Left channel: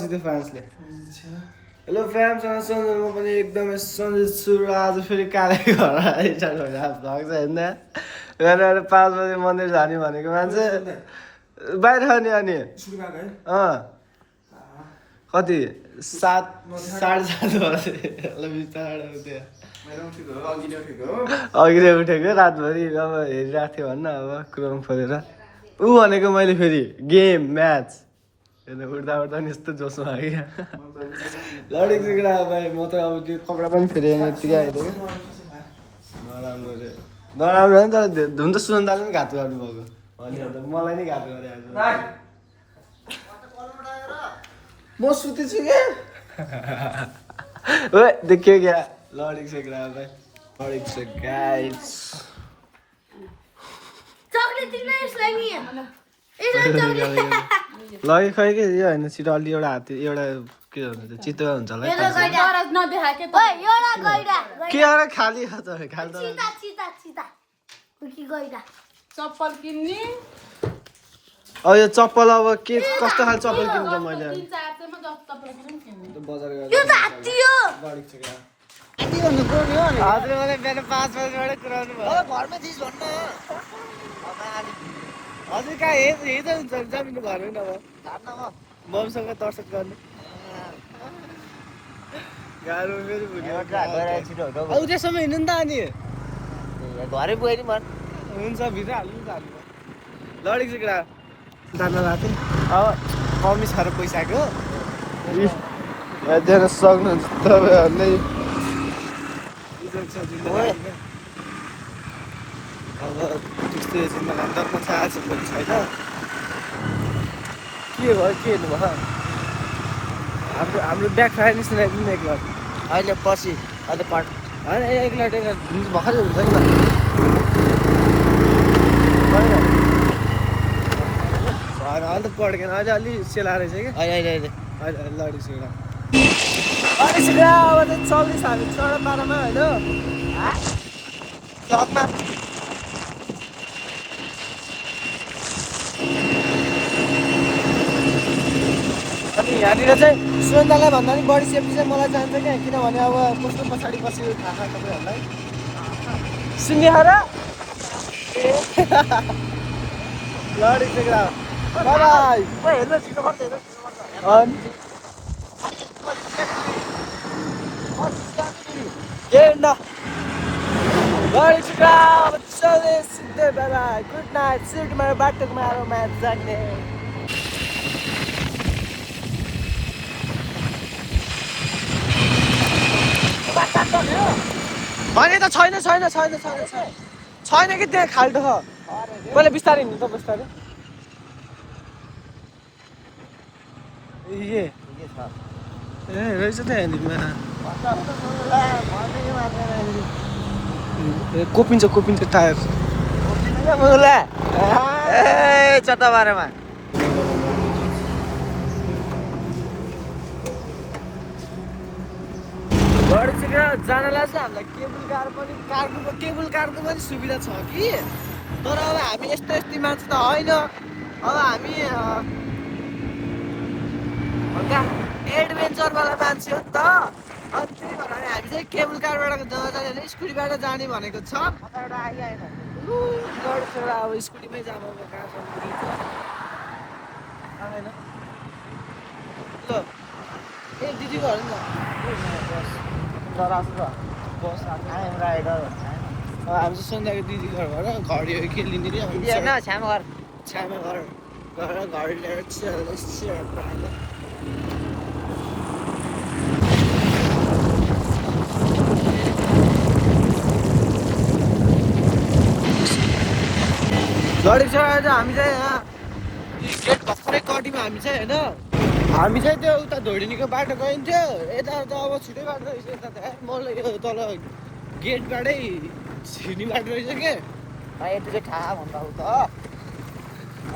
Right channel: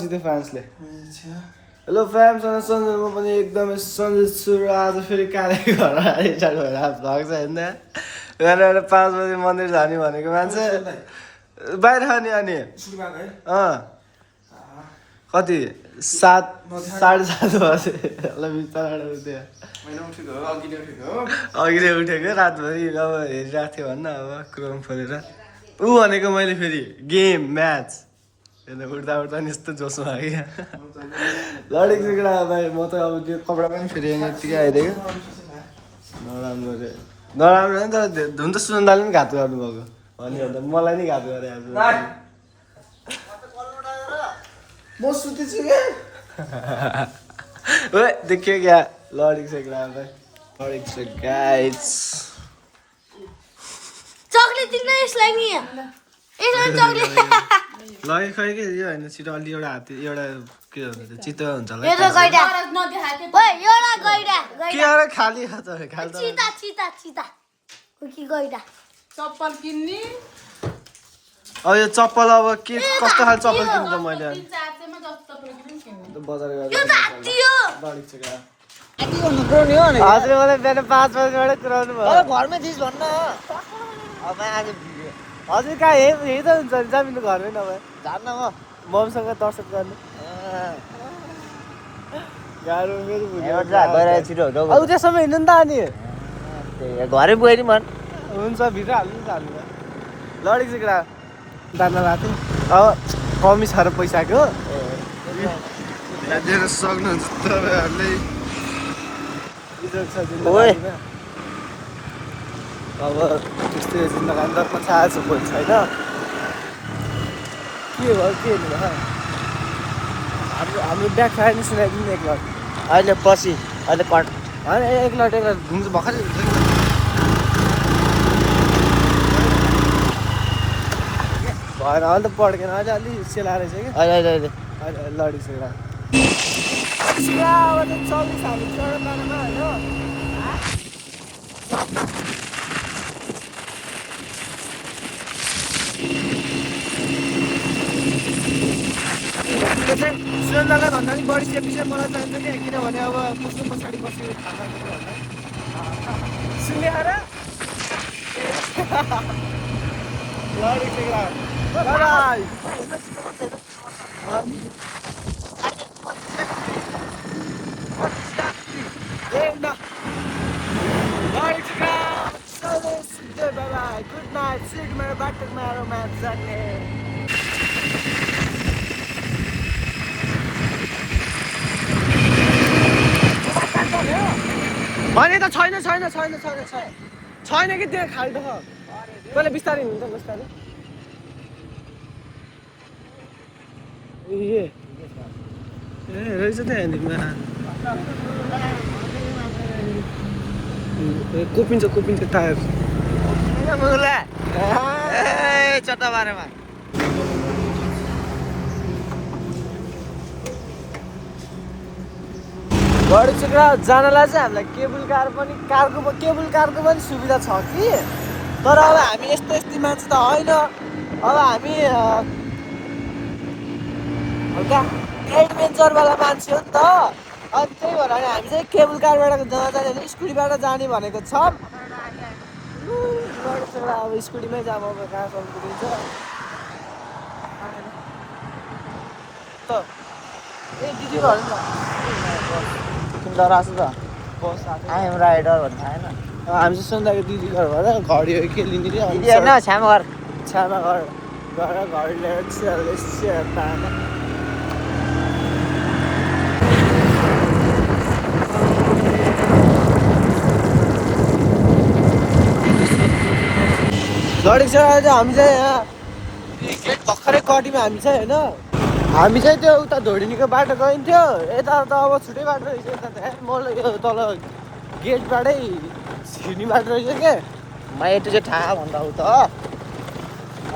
जिते फ्रान्सले। Hello fans, Sanjay म पनि एकदमै सन्जय छु र आज फेरि काले घर रिटार्ट भएर भएको छ होइन। बिहान 5 बजे मन्दिर जाने भनेको मान्छे बाहिर अनि कति 7:30 बजे बिस्तारै उठ्यो। अघि नै उठेको रातभरि अब हेरिरहेको थियो भन्न अब क्रोम खोलेर ऊ भनेको मैले फेरि गेम म्याच उठ्दा उठ्दा नि यस्तो जोसमा आयो लडेको सिक्रा भाइ। म त अब त्यो कपडा पनि फेरि यतिकै आइदियो नराम्रो रे नराम्रो हो नि तर हुन त सुनन्दाले पनि घात गर्नुभएको अनि मलाई नि घात गरे म सुतेछु क्या ओ देखियो क्या लडेको सिक्रा भाइ लडेको छ गाइस। चकलेट दिन यसलाई नि लगे खै के यो होइन छिटो अलि एउटा हात एउटा के भन्छ त्यो चित्त हुन्छ होला के अरे खाली हात खाली चप्पल किन्ने अब यो चप्पल अब के कस्तो खाले चप्पल किन्छ मैले बजार हजुर मलाई बिहान 5 बजीबाट कुराउनु भयो घरमै थिइस् भन्न हजुर कहाँ यही त हुन्छ नि जामिनु घरमै नभए जान्न म मम्मीसँग दर्शन गर्नु गाह्रो फेरि अब त्यसम्म हिँड्नु नि त अनि घरै गएर मन हुन्छ भित्र हाल्नु त हाल्नु लडेको सिक्रा दाना राख्यो अब मम्मी छ र पैसाको हेरिदिएर सक्नुहुन्छ तपाईँहरूले इज्जत छ जिन्दगीमा अब त्यस्तै जिन्दगी दर्प छाएको छ कोही छैन के भयो के हेर्नु भयो हाम्रो ब्याग खाएर निस्किनु एकलट अहिले पछि अहिले होइन एकलट घुम्नु भर्खरै हुन्छ नि भएन अहिले त पड्केन अहिले अलि सेला रहेछ कि अहिले अहिले लडी सिक्रा लडी सिक्रा अब चाहिँ चल्दैछ हामी चौडा पारामा होइन चकमा यहाँनिर चाहिँ सुनन्दालाई भन्दा पनि बढी सेफ्टी चाहिँ मलाई चाहिन्छ क्या किनभने अब कस्तो पछाडि बस्यो थाहा छ तपाईँहरूलाई सुन्ने हो र लडी सिक्रा बाई गुड नाइट सिट मेरो बाटोमा आएर म्याच जाने भने त छैन कि त्यहाँ खाल्टो छ पहिला बिस्तारै हिँड्नु त बिस्तारै ए रहेछ त यहाँनिरमा कोपिन्छ टायर चट्टा बारेमा गढी चिक्रा जानलाई चाहिँ हामीलाई केबुल कारको पनि सुविधा छ कि तर अब हामी यस्तै मान्छे त होइन अब हामी हल्का एडभेन्चरवाला मान्छे हो नि त अब त्यही भएर हामी चाहिँ केबुल कारबाट जाने भने स्कुटीबाट जाने भनेको छौँ गढी चिक्रा अब स्कुटीमै जाम अब कहाँसम्म पुगिन्छ आएन त ए दिदी घर नि त बस आइएम राइडर भन्ने आएन हामी चाहिँ सुन्दाको दिदी घरबाट घडी के लिने कि छ्यामा घर घडी ल्याएर पाएन लडेको छ आज हामी चाहिँ यहाँ गेट भर्खरै कटीमा हामी चाहिँ होइन हामी चाहिँ त्यो उता धोडिनीको बाटो गइन्थ्यो यता त अब छुट्टै बाटो रहेछ यता त मलाई यो तल गेटबाटै छिर्ने बाटो रहेछ क्या म यति चाहिँ थाहा भन्दा हो त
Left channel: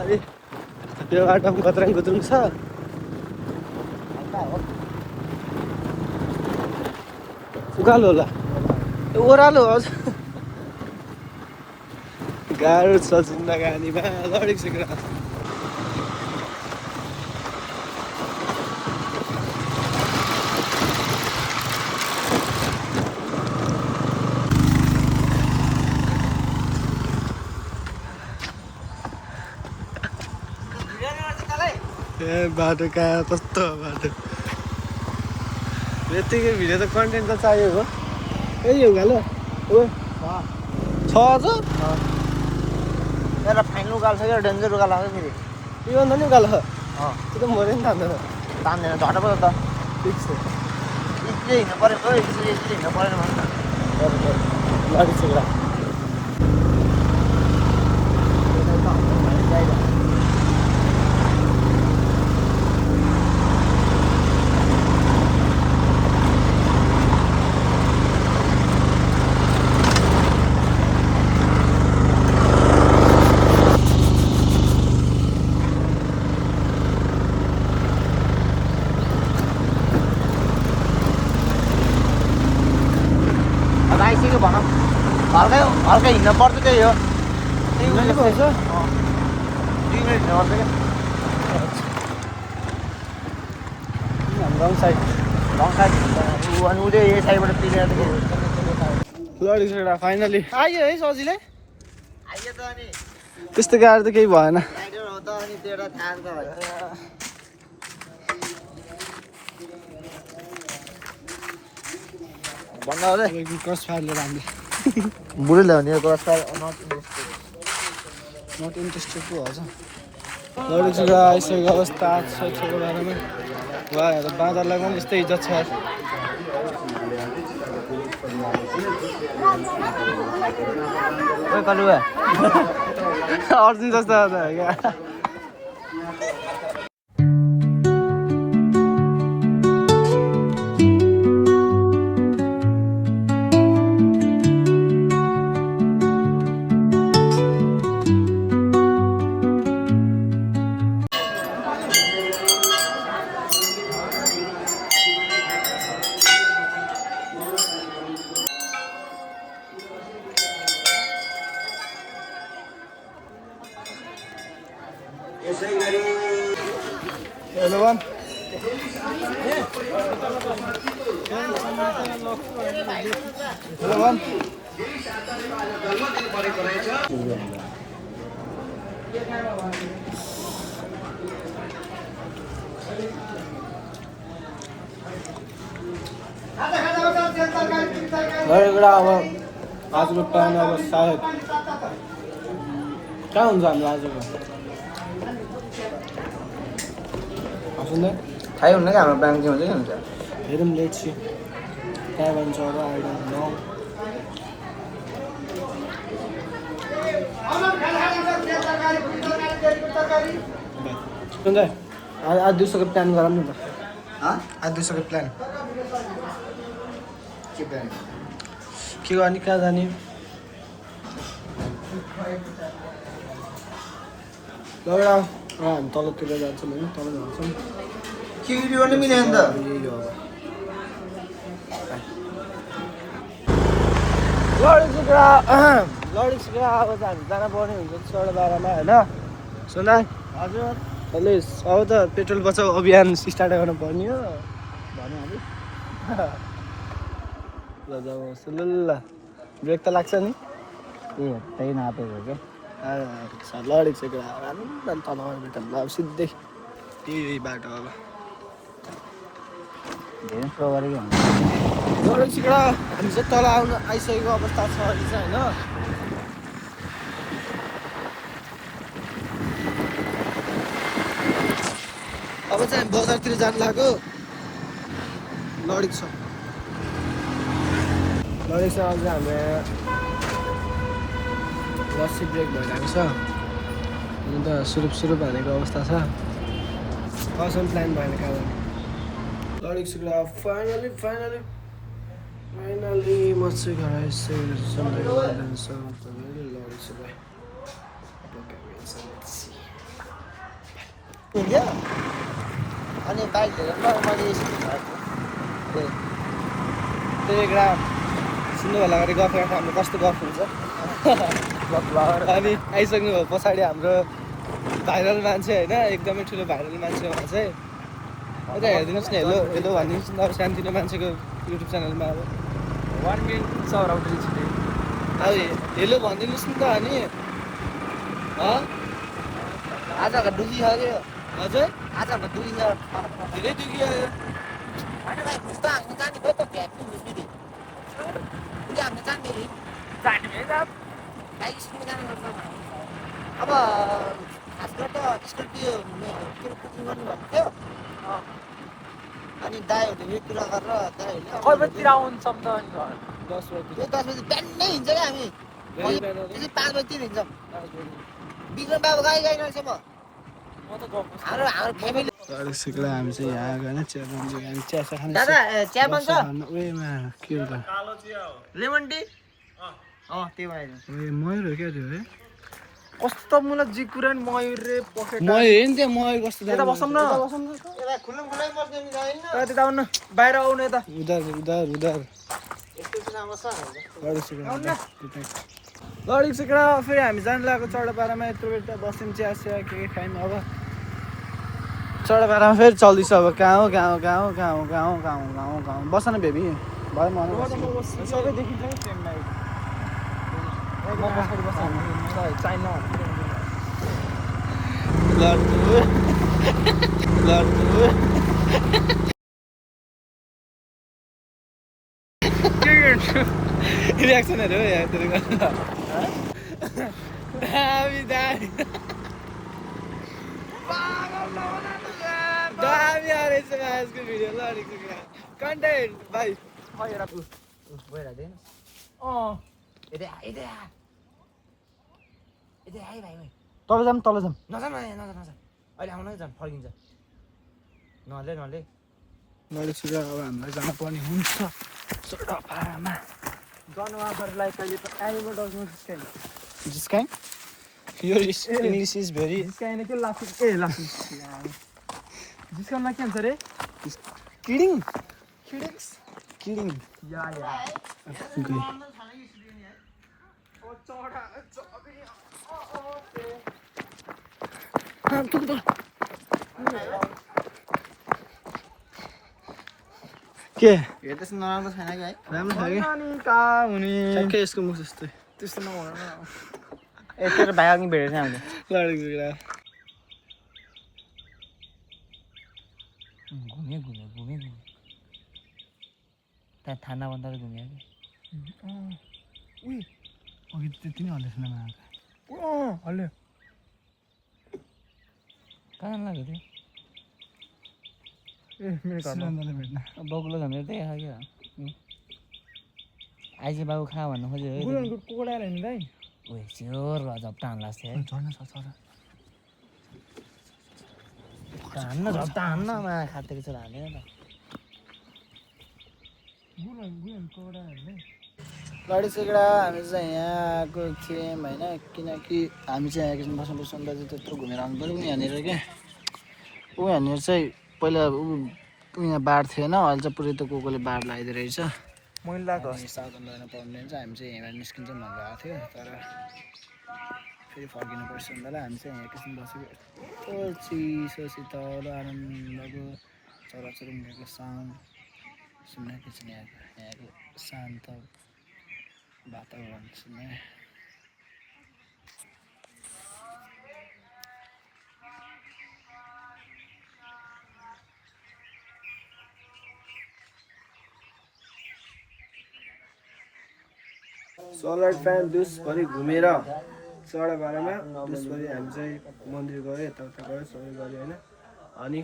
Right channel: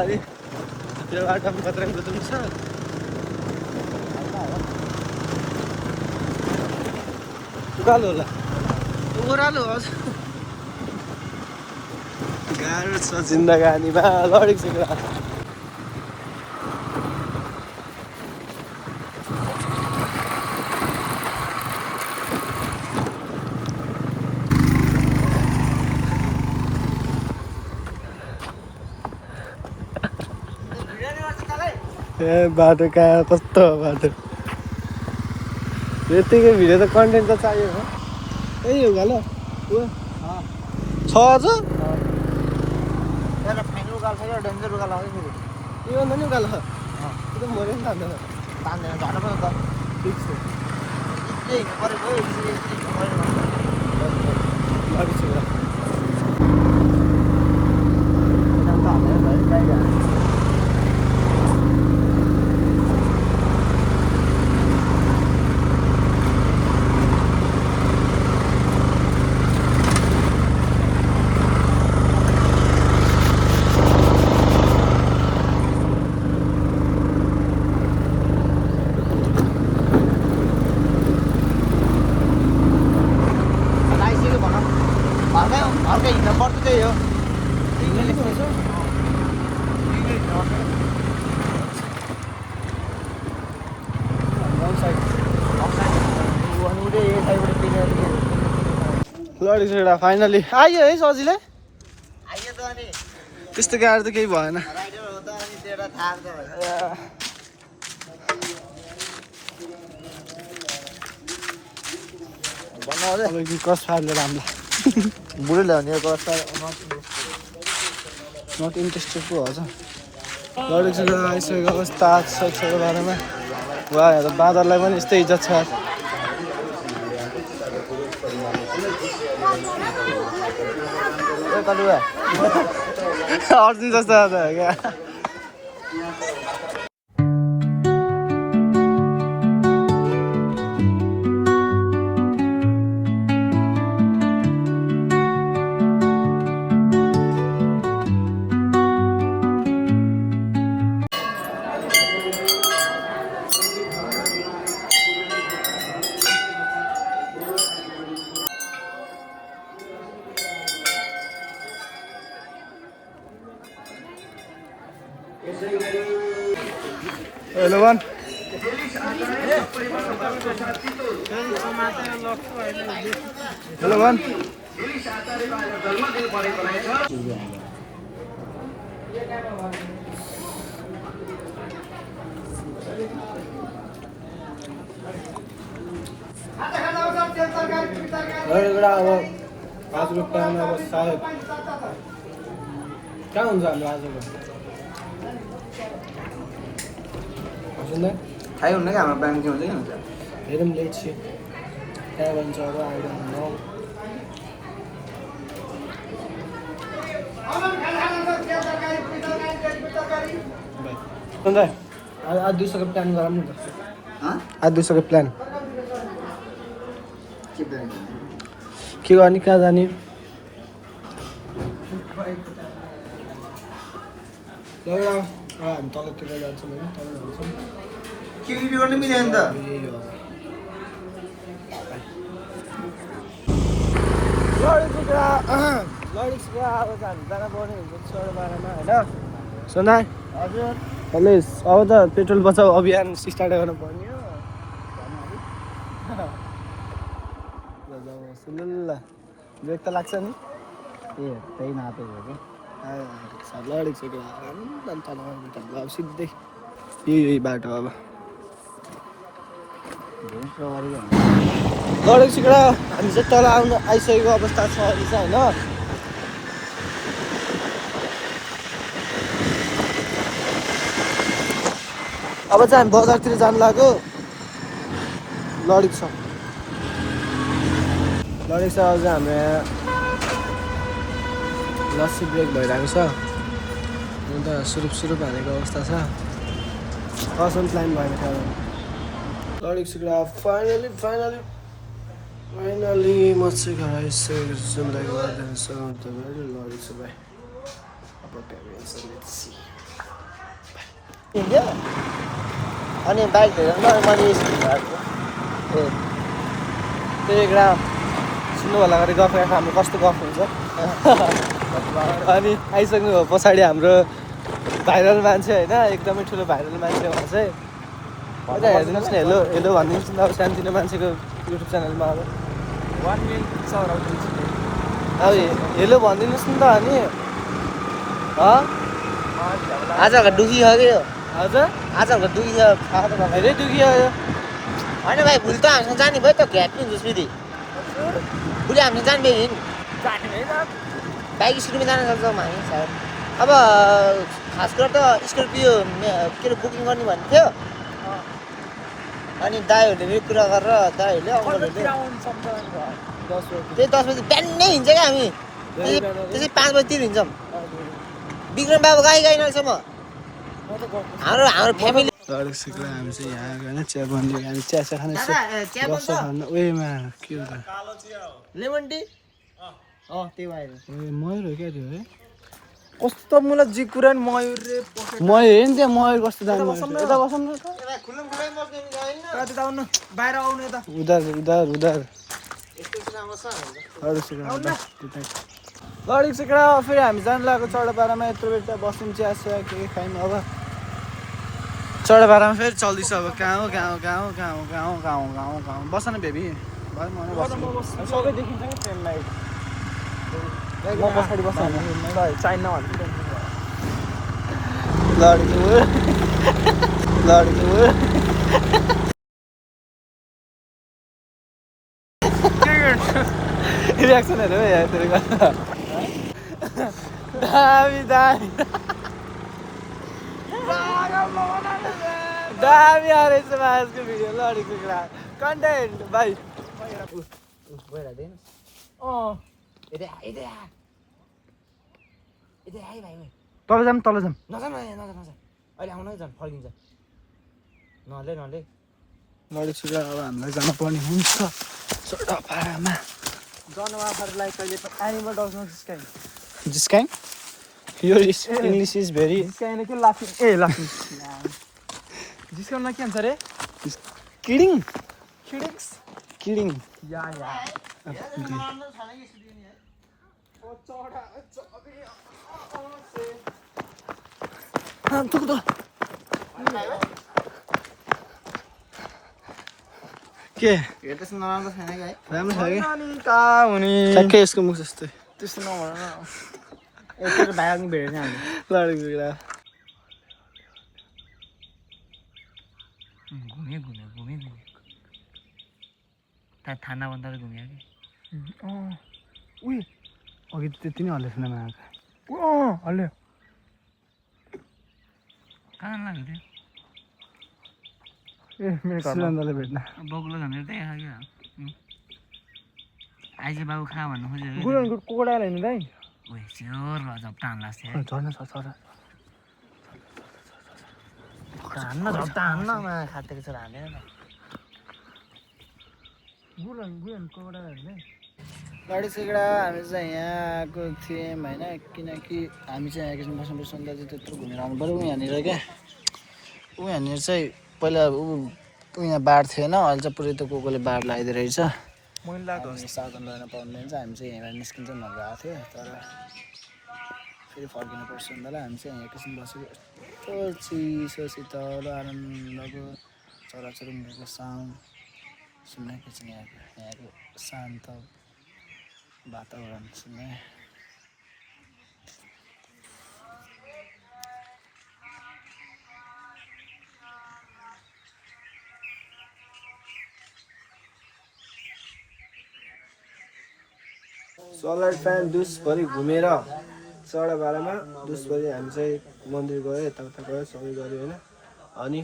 अरे त्यो बाटोमा कत्रा कुद्नु छ उकालो होला ओह्रालो हजुर गाह्रो छ जिन्दगानीमा लडेको सिक्रा ए बाटो कहाँ कस्तो बाटो यतिकै भिडियो त कन्टेन्ट त चाहियो हो ए यो गालो ओ छ अझ एउटा फाइनल उकालो छ कि डेन्जर उकालो छ फेरि यो अन्त नि उकालो त्यो त मऱ्यो नि थाल्दैन तान्दैन झट्ट पो त ठिक छ हिँड्नु परेको हिँड्नु परेको गाडी छ ल हिँड्नु पर्छ रङ साइड लडी छुडा फाइनली आयो है सजिलै त्यस्तो गाडी त केही भएन कस फाल्यो राम्रो बुढी ल्याउने नट इन्ट्रेस्टेड पो हुन्छ लडी छुडा आइसकेको अवस्था छैको बारेमा वा बाँदरलाई पनि यस्तै इज्जत छ अर्जुन जस्तो क्या Hello, one. Hello, one. अब आजको प्लान अब सायद कहाँ हुन्छ हाम्रो आजको थाहै हुन्न कि हाम्रो प्लान के हुन्छ कि हुन्छ हेरौँ लेट सी कहाँ भन्छ अब आई डोन्ट नो आज दिउँसोको प्लान गरौँ न त आज दिउँसोको प्लान के गर्ने कहाँ जाने एउटा हामी तलतिर जान्छौँ होइन तल जान्छौँ खिरी पनि मिल्दैन त यही हो लडिक्सको अब त हामी जान पर्ने हुन्छ 12:30 होइन सुन हजुर चले अब त पेट्रोल बचाउ अभियान स्टार्ट गर्नु पर्ने हो ल ब्रेक त लाग्छ नि त्यही नापेको क्या लडिक्सको अब सिधै यही बाटो अब लडिक्सको हामी चाहिँ तल आउनु आइसकेको अवस्था छ अहिले चाहिँ होइन अब चाहिँ हामी बजारतिर जानु लाग्यो लडिक्स लडिक्स अब चाहिँ हाम्रो लस्सी ब्रेक भइरहेको छ हुन त सुरुप हानेको अवस्था छ असम प्लान भएन कहाँ जाने लडिक्सको फाइनली म चाहिँ घर आइसकेको छु सन्ध्याको लडिक्स भाइ अनि बाइक हेरेर त्यही एउटा सुन्नु होला गरी गफ राख्दा हाम्रो कस्तो गफ हुन्छ अनि आइसक्नु भयो पछाडि हाम्रो भाइरल मान्छे होइन एकदमै ठुलो भाइरल मान्छे उहाँ चाहिँ यता हेरिदिनुहोस् न हेलो हेलो भनिदिनुहोस् न अब सानोतिनो मान्छेको युट्युब च्यानलमा अब 1 मिलियन सब्सक्राइबर आउँदैछ अब हेलो भनिदिनुहोस् न त अनि आज डुखी हो कि हजुर आजको दुखियो धेरै दुखियो होइन भाइ भोलि त हामीसँग जाने भयो त घ्याट हुन्छ फेरि भोलि हामीसँग जाने भयो हिँड बाइक स्कुटीमा जान सक्छौँ हामी सायद अब खास कुरा त स्कर्पियो के अरे बुकिङ गर्ने भन्ने थियो अनि दाईहरूले फेरि कुरा गरेर दाईहरूले त्यही 10 बजी बिहानै हिँड्छ क्या हामी त्यसै 5 बजीतिर हिँड्छौँ विक्रम बाबु गाई नसम्म हाम्रो फ्यामिली लडेको सिक्ला हामी चाहिँ यहाँ आएको होइन चिया बन्दी हामी चिया खाने दादा चिया बन्छ उयोमा के हो त लेमन टी त्यो भएर मयूर हो क्या त्यो है कस्तो मलाई जी कुरा मयूर रे पकेट मयूर हेर्नु त्यहाँ मयूर कस्तो दामी बसौँ न त्यता आउनु बाहिर आउनु यता उधार लडेको सिक्ला फेरि हामी जानु लागेको चौडापाडामा यत्रो बेर त्यहाँ बस्यौँ चिया के खायौँ अब चौडापाडामा फेरि चल्दैछ अब गाउँ बस न बेबी भयो मलाई सबै देखिन्छ कि ट्रेनमा म पछाडि बस्छ चाइना रियाक्सनहरू हो यहाँ तेरो दामी आएछ आजको भिडियो लडेको कुरा कन्टेन्ट भाइ तल जाऊँ नजानु अहिले आउनै जाऊँ फर्किन्छ नले लडेको कुरा अब हामीलाई जानुपर्ने हुन्छ चौडापाडामा जनावरहरूलाई कहिले आइमा डज्न जिस्काइङ यो इङ्ग्लिस इज भेरी जिस्काइने के लाफी लाफी जिस्काउन के भन्छ रे किडिङ या के यो त्यस्तो नराम्रो छैन कि है राम्रो छ कि अनि कहाँ हुने ठ्याक्कै यसको मुख जस्तै त्यस्तो नभन एकचोटि भाइ अघि भेटेको थियो हामीले लडेको कुरा घुमे त्यहाँ थाना भन्दा त घुम्यो कि अघि त्यति नै हल्ले थिएन आएको हल्यो कहाँ लाग्यो त्यो ए मेरो सुनन्दले भेट्न बग्लो झन्डै त्यही खायो क्या आइज बाबु खा भन्नु खोज्यो गुडनको कुकुरा हेर्नु दाइ ओए स्योर झप्टा हान्ला जस्तै है झर्न छ हान्न झप्टा हान्न खाँदैको छ हान्दैन न लडेको कुरा हामी चाहिँ यहाँ आएको थियौँ होइन किनकि हामी चाहिँ यहाँ एकछिन बस्नुपर्छ अन्त चाहिँ त्यत्रो घुमेर आउनु पऱ्यो यहाँनिर क्या यहाँनिर चाहिँ पहिला यहाँ बाढ थिएन अहिले चाहिँ पुरै त कोले बाढ लगाइदिएको रहेछ साधन लगाउन पाउँदैन चाहिँ हामी चाहिँ यहाँबाट निस्किन्छौँ भनेर आएको थियो तर फेरि फर्किनु पर्छ भन्दा हामी चाहिँ यहाँ एकछिन बसेको यस्तो चिसो शीतल आनन्दको चराचुरुङ्गीको साउन्ड सुन्न एकछिन यहाँको शान्त वातावरण सुन्न सलाड फ्यान दुसभरि घुमेर चौडापाडामा दुसभरि हामी चाहिँ मन्दिर गयो यताउता गयो सबै गऱ्यो होइन अनि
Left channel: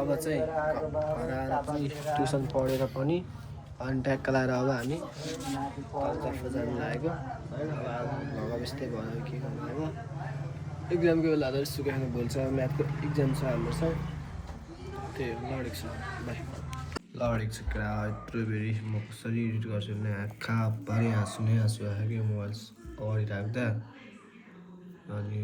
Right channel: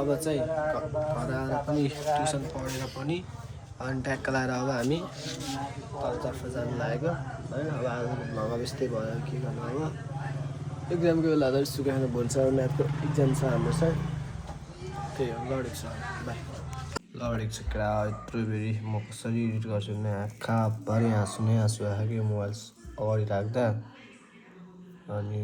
अब चाहिँ घर आएर पनि ट्युसन पढेर पनि अनि ट्याक्क लाएर अब हामी तलतर्फ जानु लागेको होइन अब आज भगा त्यस्तै भयो के गर्नु अब इक्जामको बेला त सुकाएर भन्छ म्याथको इक्जाम छ हाम्रो चाहिँ त्यही हो लडेको छ बाई लडेको छ क्रा यत्रो बेरी म कसरी एडिट गर्छु भने आँखाभरि हाँसु आयो मोबाइल अगाडि राख्दा अनि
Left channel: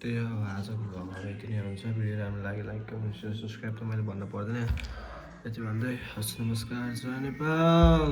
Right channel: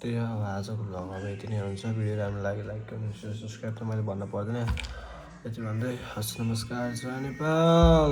त्यही हो अब आजको भ्लगमा यति नै हुन्छ भिडियो राम्रो लाग्यो लाइक कमेन्ट सेयर सब्सक्राइब त मैले भन्न पर्दैन यति भन्दै हस् नमस्कार जय नेपाल।